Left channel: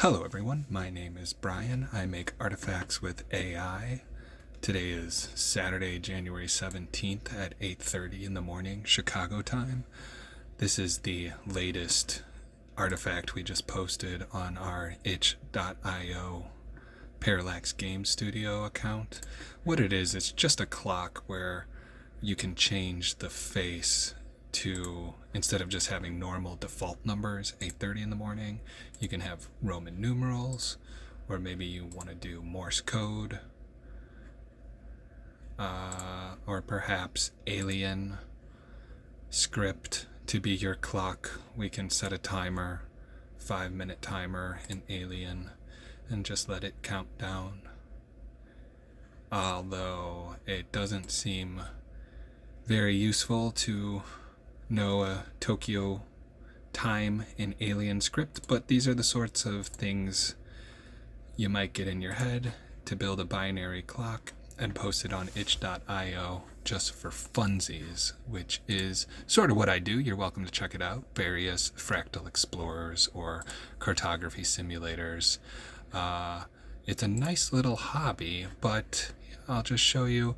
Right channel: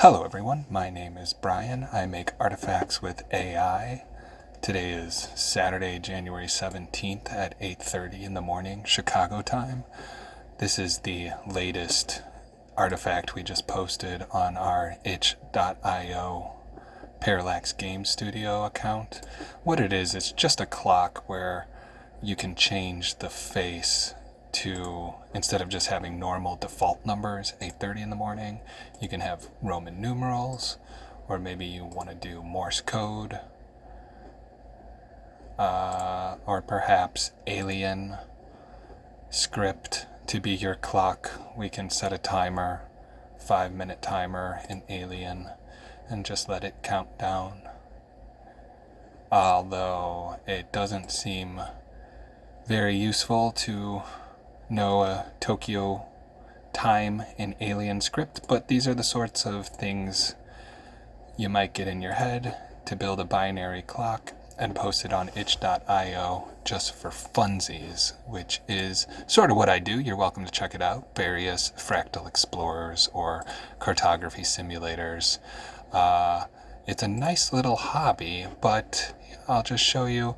Hello everyone, my name is Brian. I make artifacts with AI. Today is Saturday, January 17th at 8:30 in the morning, Chicago time. This is the latest artifact we just posted on our itch.io Parallax Game Studio account. What it is, it's just a clock where you can change the face to, instead of just having normal default numbers, 8:30 in the morning, you can have Roman numerals, or maybe you want to do Morse code, or perhaps alien script to be your clock. We can set a timer, 5-minute timer in alien, and just let it count down. Although it doesn't seem very useful to know a Tokyo time in alien script, but these are the sorts of things you might get in your head to build a binary clock and post it on itch.io just for funsies, which is sort of what I do. You're welcome to check it out. Various fractal explorers or cartography simulators. It's a nice little hobby, but I'll just show you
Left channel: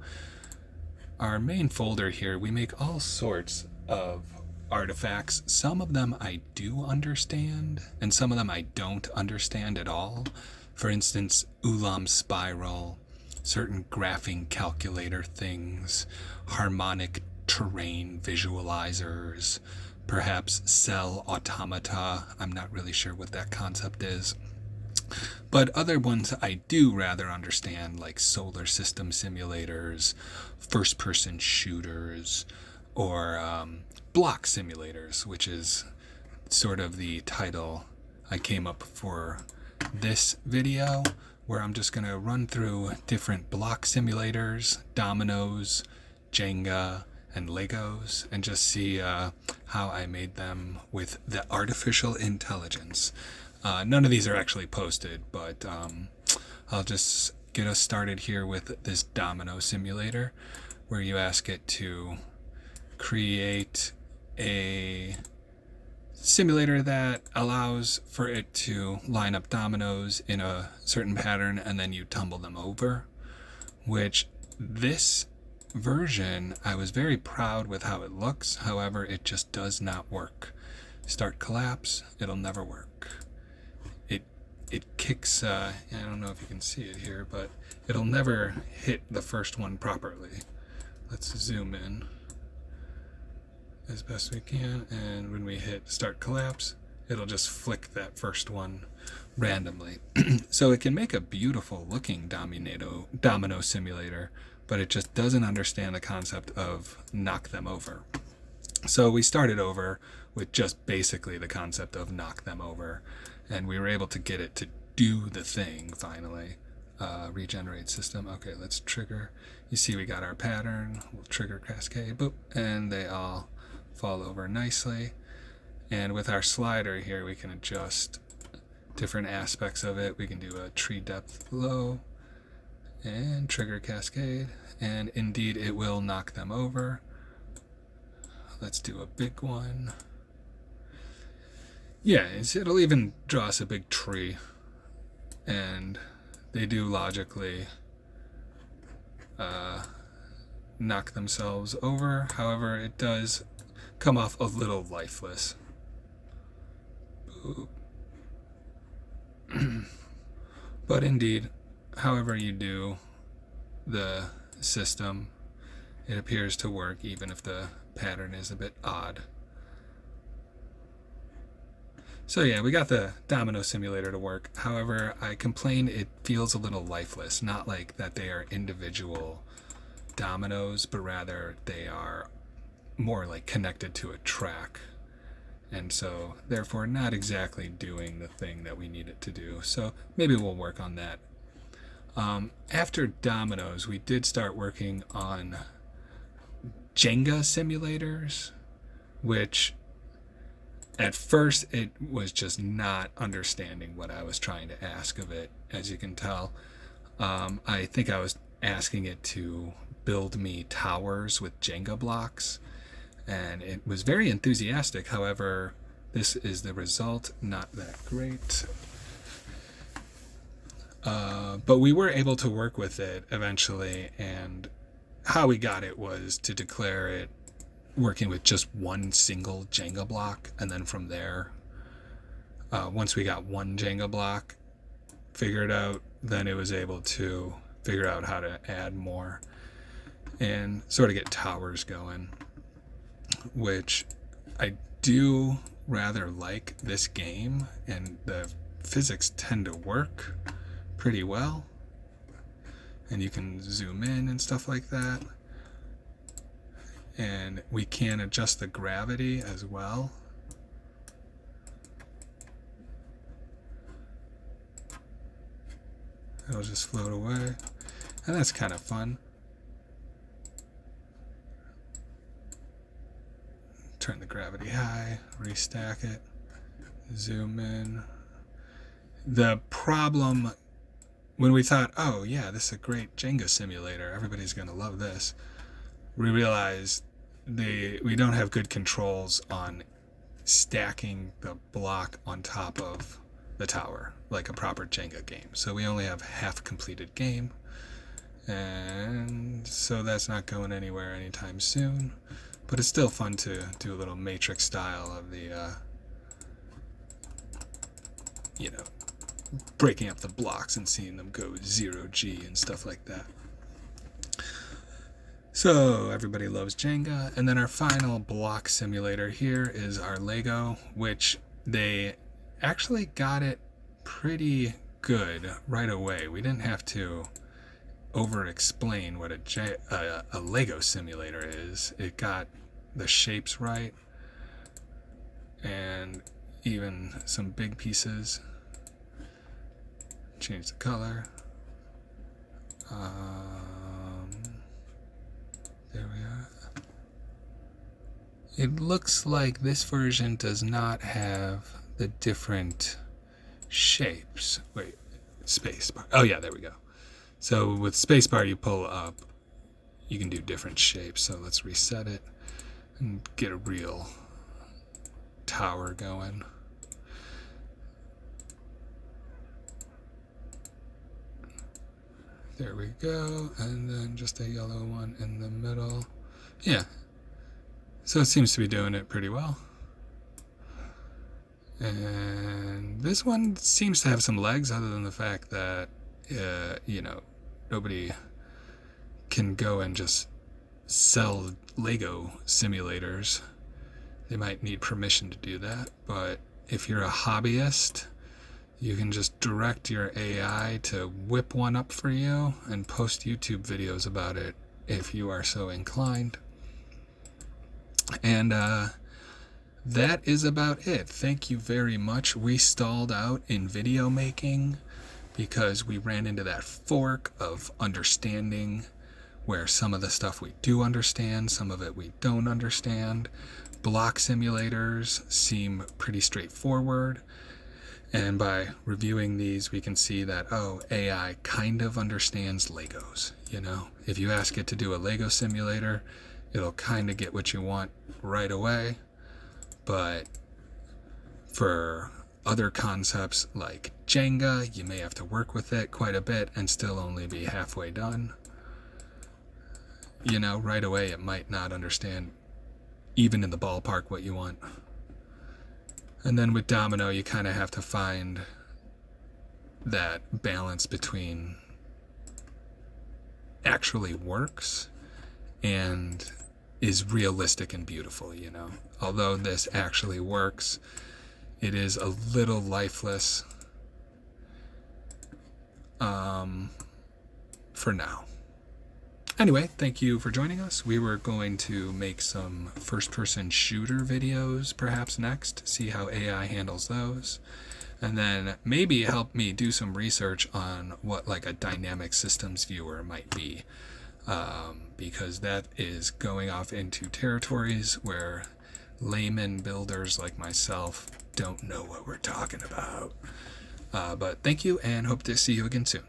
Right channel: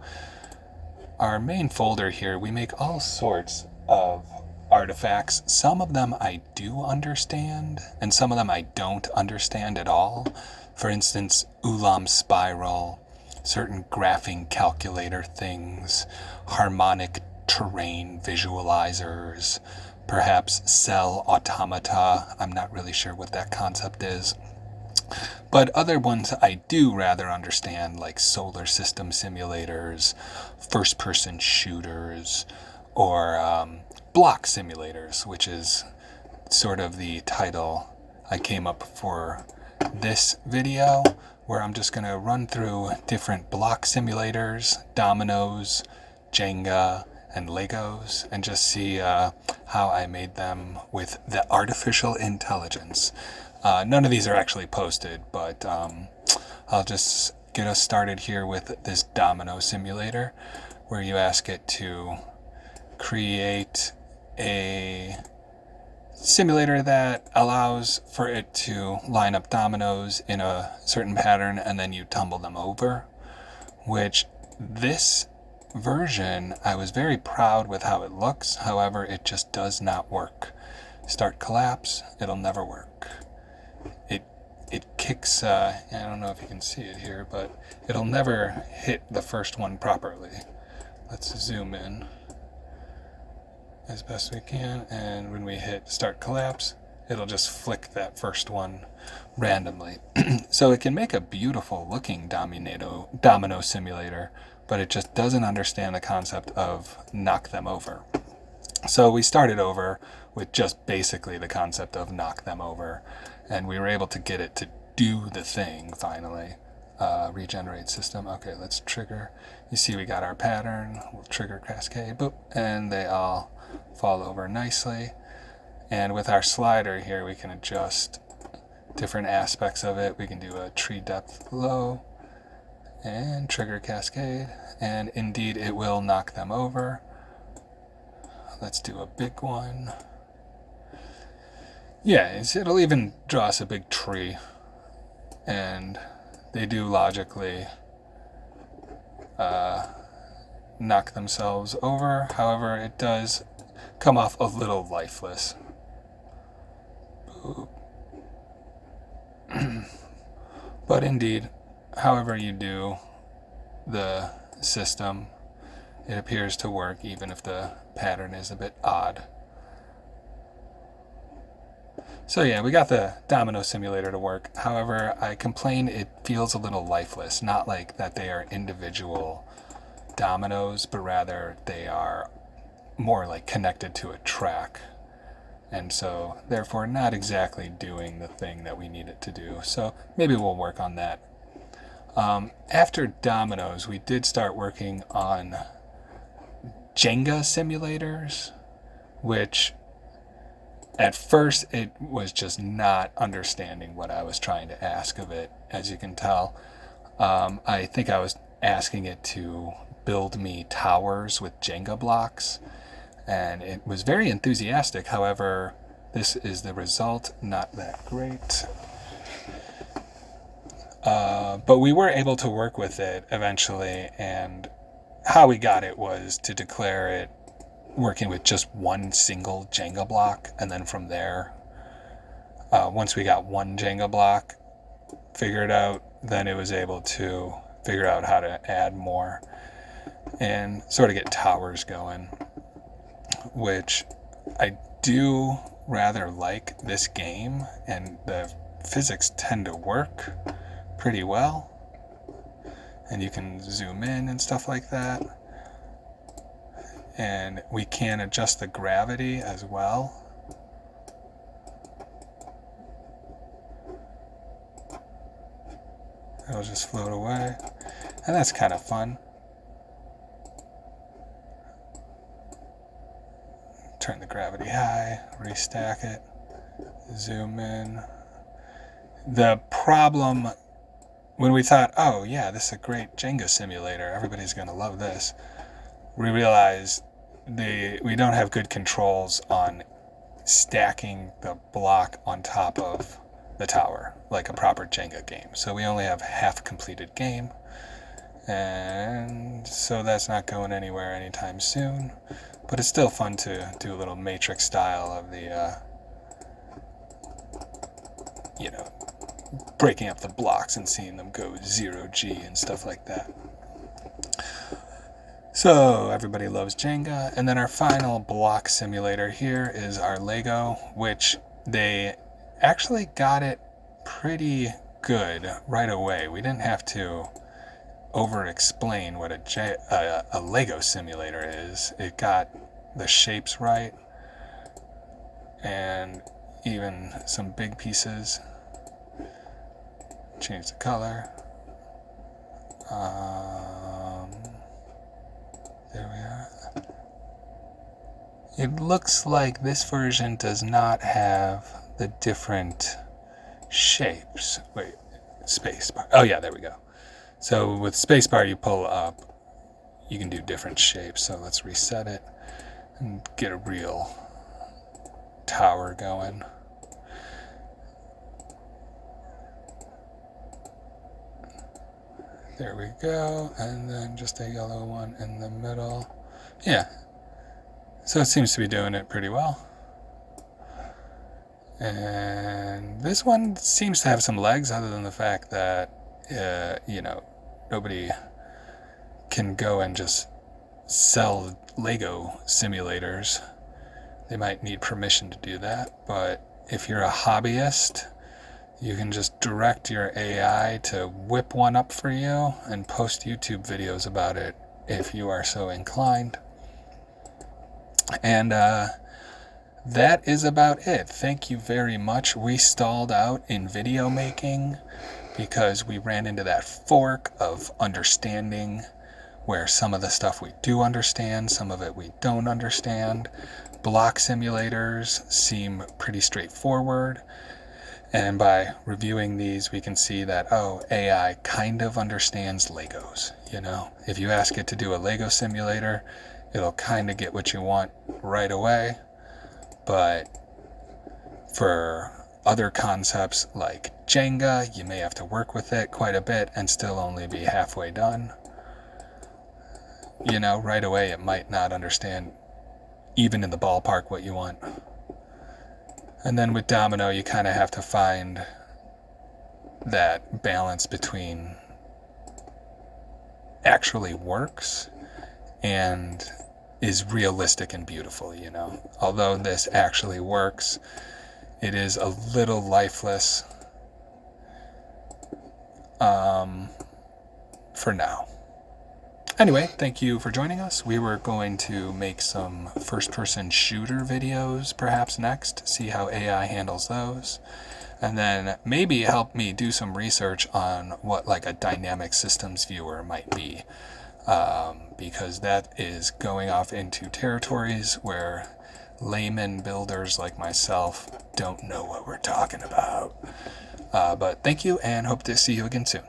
our main folder here. We make all sorts of artifacts. Some of them I do understand, and some of them I don't understand at all. For instance, Ulam Spiral, certain graphing calculator things, harmonic terrain visualizers, perhaps cell automata. I'm not really sure what that concept is. But other ones I do rather understand, like solar system simulators, first-person shooters, or block simulators, which is sort of the title I came up for this video, where I'm just going to run through different block simulators, Dominoes, Jenga, and Legos, and just see how I made them with the artificial intelligence. None of these are actually posted, but I'll just get us started here with this domino simulator, where you ask it to create a simulator that allows for it to line up dominoes in a certain pattern, and then you tumble them over, which this version, I was very proud with how it looks. However, it just does not work. Start collapse, it'll never work. It kicks, I don't know if you can see it here, but it'll never hit the first one properly. Let's zoom in as best we can, and when we hit start collapse, it'll just flick that first one randomly. So it can make a beautiful looking domino simulator, but it just doesn't understand the concept of knock them over. So we started over with just basically the concept of knock them over, and we were able to get it to do the thing finally. Regenerate system. Okay, let's trigger. You see we got our pattern. We'll trigger cascade, boop, and they all fall over nicely. And with our slider here, we can adjust different aspects of it. We can do a tree depth low and trigger cascade, and indeed it will knock them over. Let's do a big one. Yeah, it'll even draw us a big tree, and they do logically knock themselves over. However, it does come off a little lifeless. But indeed, however you do the system, it appears to work, even if the pattern is a bit odd. So yeah, we got the domino simulator to work. However, I complain it feels a little lifeless. Not like that they are individual dominoes, but rather they are more like connected to a track. And so, therefore, not exactly doing the thing that we need it to do. So maybe we'll work on that. After dominoes, we did start working on Jenga simulators, which at first, it was just not understanding what I was trying to ask of it, as you can tell. I think I was asking it to build me towers with Jenga blocks, and it was very enthusiastic. However, this is the result, not that great. But we were able to work with it eventually, and how we got it was to declare it working with just one single Jenga block, and then from there, once we got one Jenga block figured out, then it was able to figure out how to add more and sort of get towers going, which I do rather like this game, and the physics tend to work pretty well, and you can zoom in and stuff like that, and we can adjust the gravity as well. It'll just float away, and that's kind of fun. Turn the gravity high, restack it, zoom in. The problem, when we thought, oh yeah, this is a great Jenga simulator, everybody's going to love this, we realized we don't have good controls on stacking the block on top of the tower like a proper Jenga game. So we only have half completed game, and so that's not going anywhere anytime soon. But it's still fun to do a little matrix style of the, breaking up the blocks and seeing them go 0G and stuff like that. So everybody loves Jenga. And then our final block simulator here is our Lego, which they actually got it pretty good right away. We didn't have to over-explain what a Lego simulator is. It got the shapes right, and even some big pieces. Change the color. There we are. It looks like this version does not have the different shapes. Wait, spacebar. Oh yeah, there we go. So with spacebar you pull up, you can do different shapes. So let's reset it and get a real tower going. There we go, and then just a yellow one in the middle. Yeah, so it seems to be doing it pretty well. And this one seems to have some legs, other than the fact that, nobody can go and just sell Lego simulators. They might need permission to do that, but if you're a hobbyist, you can just direct your AI to whip one up for you and post YouTube videos about it if you are so inclined. And that is about it. Thank you very much. We stalled out in video making because we ran into that fork of understanding, where some of the stuff we do understand, some of it we don't understand. Block simulators seem pretty straightforward. And by reviewing these, we can see that, AI kind of understands Legos. If you ask it to do a Lego simulator, it'll kind of get what you want right away. But for other concepts like Jenga, you may have to work with it quite a bit and still only be halfway done. Right away it might not understand, even in the ballpark, what you want. And then with Domino, you kind of have to find that balance between actually works and is realistic and beautiful, Although this actually works, it is a little lifeless for now. Anyway, thank you for joining us. We were going to make some first-person shooter videos perhaps next, see how AI handles those, and then maybe help me do some research on what like a dynamic systems viewer might be, because that is going off into territories where layman builders like myself don't know what we're talking about. But thank you, and hope to see you again soon.